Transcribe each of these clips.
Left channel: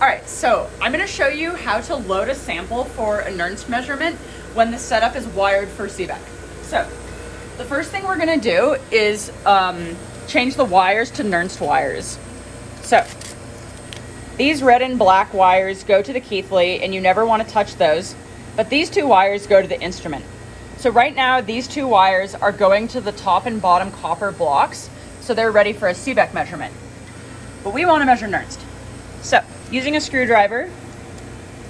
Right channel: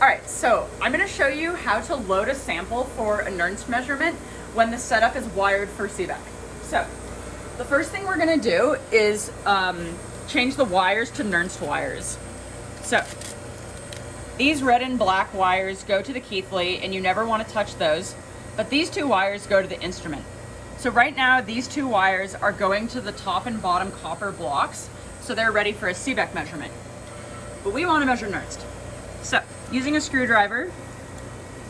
All right, so I'm gonna show you how to load a sample for a Nernst measurement when the setup is wired for Seebeck. So the first thing we're gonna do is change the wires to Nernst wires. So these red and black wires go to the Keithley and you never wanna touch those, but these two wires go to the instrument. So right now, these two wires are going to the top and bottom copper blocks, so they're ready for a Seebeck measurement. But we wanna measure Nernst. So using a screwdriver,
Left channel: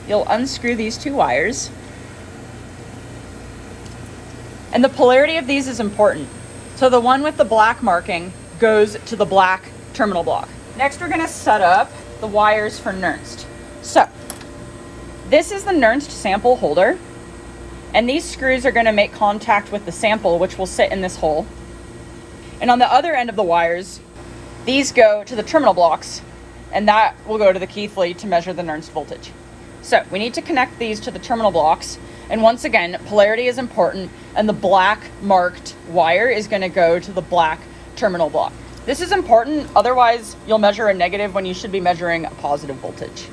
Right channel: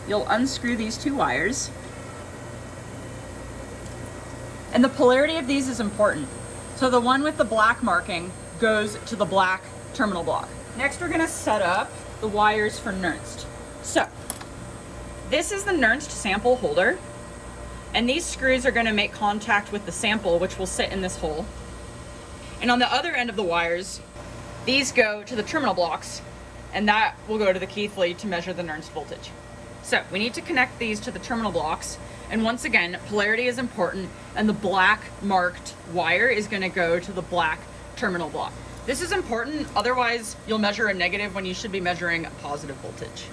you'll unscrew these two wires. And the polarity of these is important. So the one with the black marking goes to the black terminal block. Next, we're gonna set up the wires for Nernst. So this is the Nernst sample holder. And these screws are gonna make contact with the sample, which will sit in this hole. And on the other end of the wires, these go to the terminal blocks, and that will go to the Keithley to measure the Nernst voltage. So we need to connect these to the terminal blocks. And once again, polarity is important, and the black marked wire is gonna go to the black terminal block. This is important, otherwise you'll measure a negative when you should be measuring a positive voltage.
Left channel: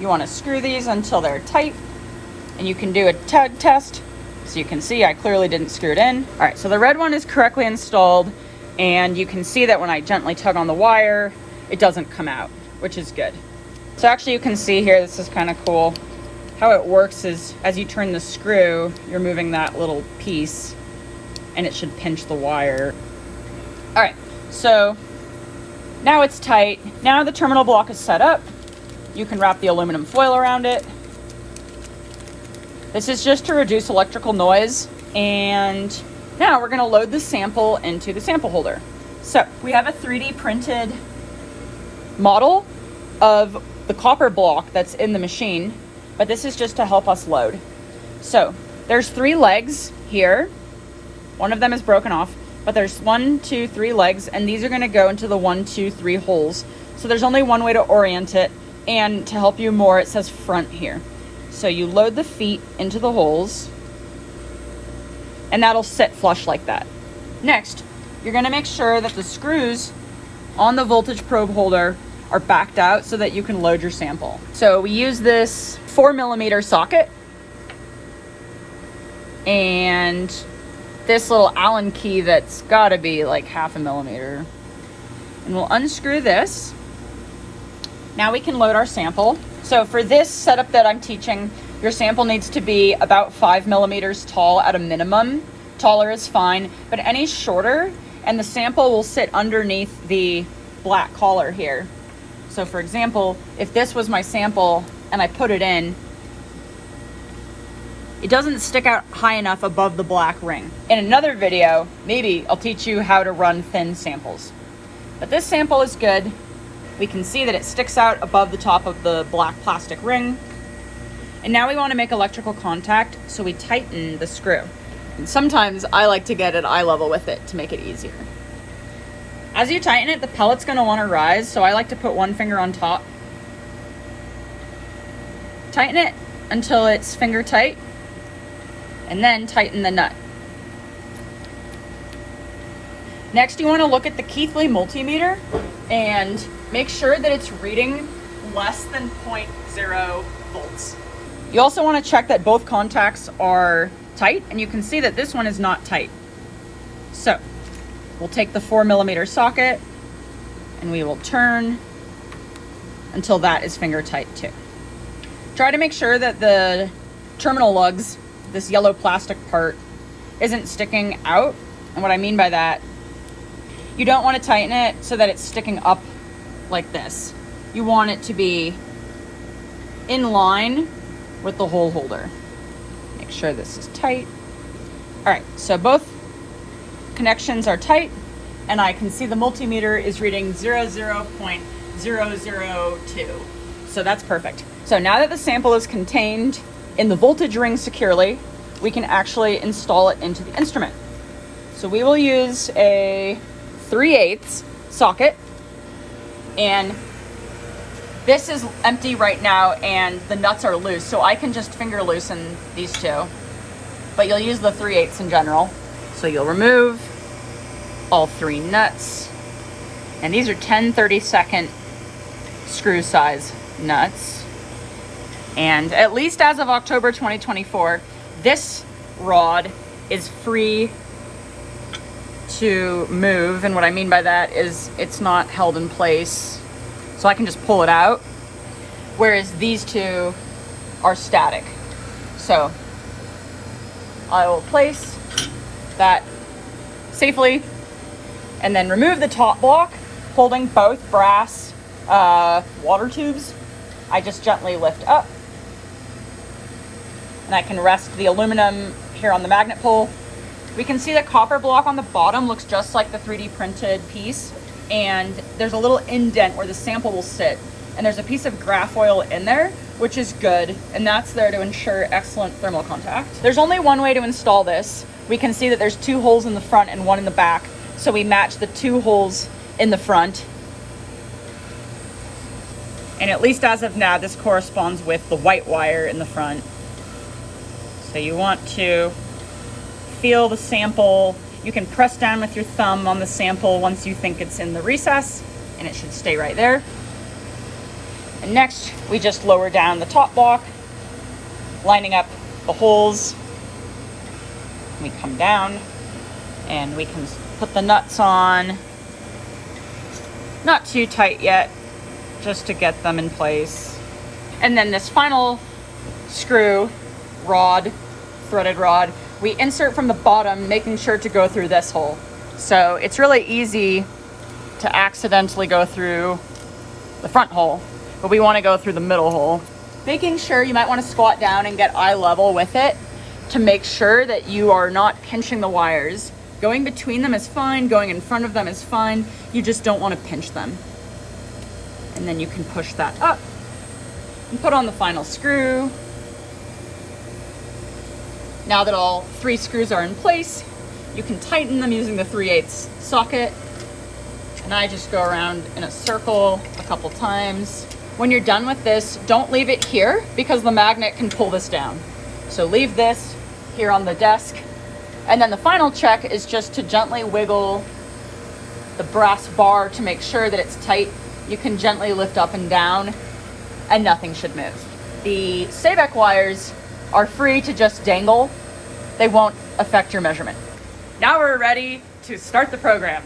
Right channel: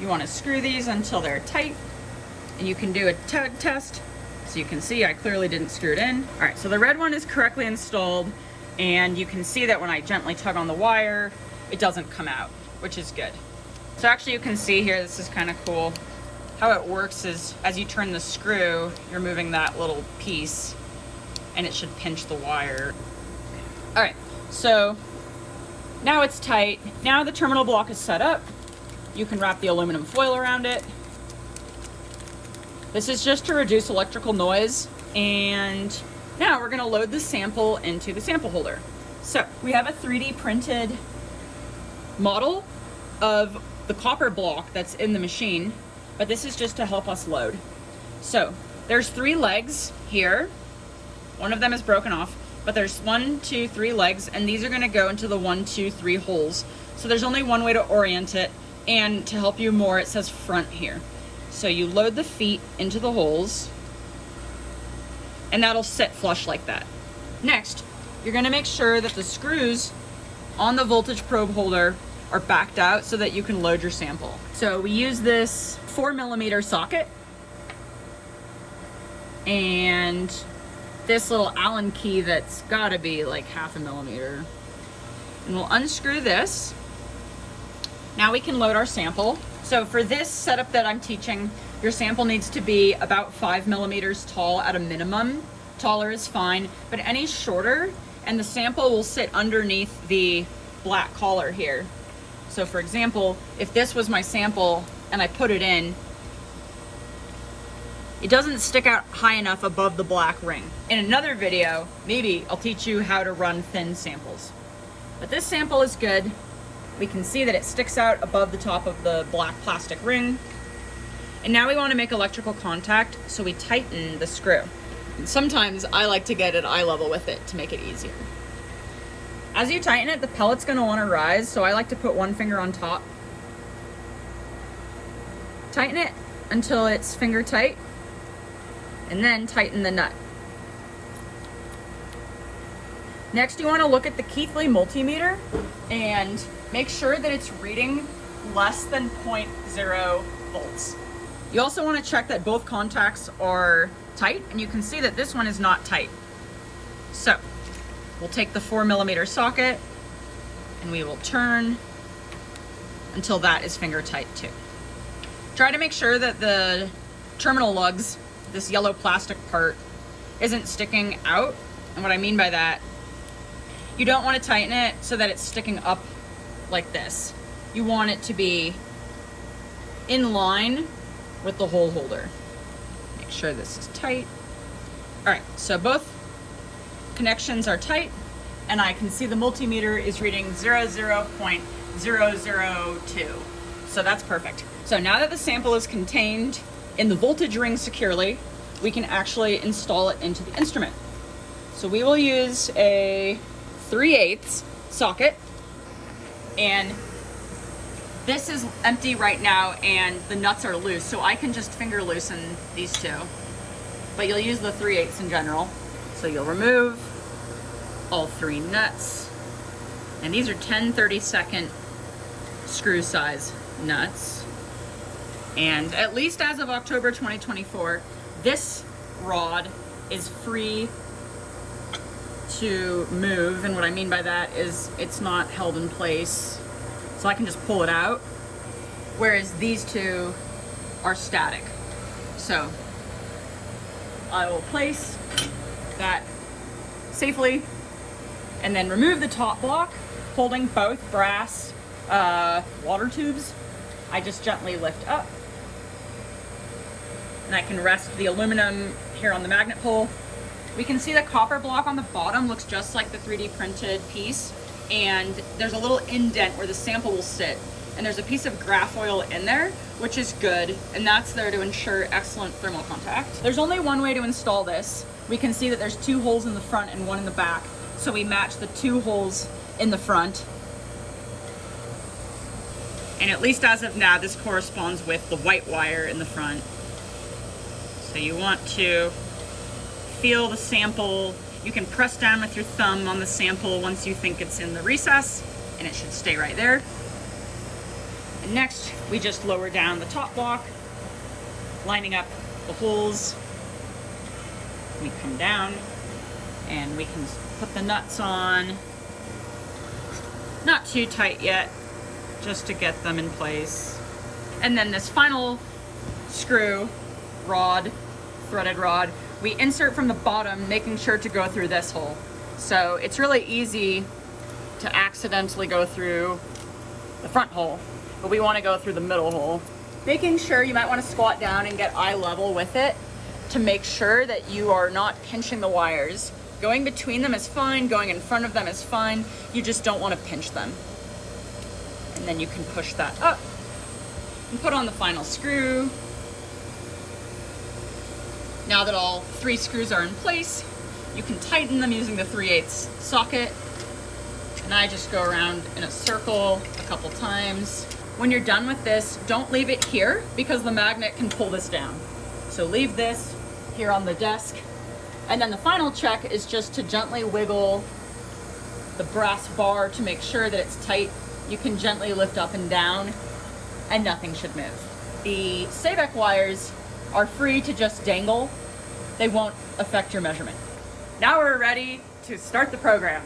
You wanna screw these until they're tight, and you can do a test. So you can see I clearly didn't screw it in. All right, so the red one is correctly installed, and you can see that when I gently tug on the wire, it doesn't come out, which is good. So actually you can see here, this is kind of cool. How it works is as you turn the screw, you're moving that little piece and it should pinch the wire. All right, so now it's tight. Now the terminal block is set up. You can wrap the aluminum foil around it. This is just to reduce electrical noise. And now we're gonna load the sample into the sample holder. So we have a 3D printed model of the copper block that's in the machine, but this is just to help us load. So there's 3 legs here. One of them is broken off, but there's 1, 2, 3 legs, and these are gonna go into the 1, 2, 3 holes. So there's only one way to orient it, and to help you more, it says front here. So you load the feet into the holes, and that'll sit flush like that. Next, you're gonna make sure that the screws on the voltage probe holder are backed out so that you can load your sample. So we use this 4mm socket and this little Allen key that's gotta be like 1/2 millimeter. And we'll unscrew this. Now we can load our sample. So for this setup that I'm teaching, your sample needs to be about 5 millimeters tall at a minimum. Taller is fine, but any shorter, and the sample will sit underneath the black collar here. So for example, if this was my sample and I put it in, it doesn't stick out high enough above the black ring. In another video, maybe I'll teach you how to run thin samples. But this sample is good. We can see that it sticks out above the top of the black plastic ring. And now we want to make electrical contact, so we tighten the screw. And sometimes I like to get at eye level with it to make it easier. As you tighten it, the pellet's going to want to rise, so I like to put one finger on top. Tighten it until it's finger tight, and then tighten the nut. Next, you want to look at the Keithley multimeter and make sure that it's reading less than 0.0 volts. You also want to check that both contacts are tight, and you can see that this one is not tight. So we'll take the 4mm socket and we will turn until that is finger tight too. Try to make sure that the terminal lugs, this yellow plastic part, isn't sticking out. And what I mean by that, you don't want to tighten it so that it's sticking up like this. You want it to be in line with the hole holder. Make sure this is tight. All right, so both connections are tight, and I can see the multimeter is reading 0.002. So that's perfect. So now that the sample is contained in the voltage ring securely, we can actually install it into the instrument. So we will use a 3/8 socket, and this is empty right now and the nuts are loose, so I can just finger loosen these two, but you'll use the 3/8 in general. So you'll remove all 3 nuts, and these are 10 32nd screw size nuts. And at least as of October 2024, this rod is free to move. And what I mean by that is it's not held in place, so I can just pull it out. Whereas these two are static. So I will place that safely and then remove the top block, holding both brass water tubes. I just gently lift up and I can rest the aluminum here on the magnet pole. We can see the copper block on the bottom looks just like the 3D printed piece, and there's a little indent where the sample will sit, and there's a piece of graph oil in there, which is good, and that's there to ensure excellent thermal contact. There's only one way to install this. We can see that there's 2 holes in the front and 1 in the back, so we match the 2 holes in the front. And at least as of now, this corresponds with the white wire in the front. So you want to feel the sample. You can press down with your thumb on the sample once you think it's in the recess, and it should stay right there. And next, we just lower down the top block, lining up the holes. We come down and we can put the nuts on. Not too tight yet, just to get them in place. And then this final screw rod, threaded rod, we insert from the bottom, making sure to go through this hole. So it's really easy to accidentally go through the front hole, but we want to go through the middle hole. Making sure you might want to squat down and get eye level with it to make sure that you are not pinching the wires. Going between them is fine, going in front of them is fine. You just don't want to pinch them. And then you can push that up and put on the final screw. Now that all 3 screws are in place, you can tighten them using the 3/8 socket. And I just go around in a circle a couple times. When you're done with this, don't leave it here because the magnet can pull this down. So leave this here on the desk. And then the final check is just to gently wiggle the brass bar to make sure that it's tight. You can gently lift up and down and nothing should move. The Seebeck wires are free to just dangle. They won't affect your measurement. Now we're ready to start the program.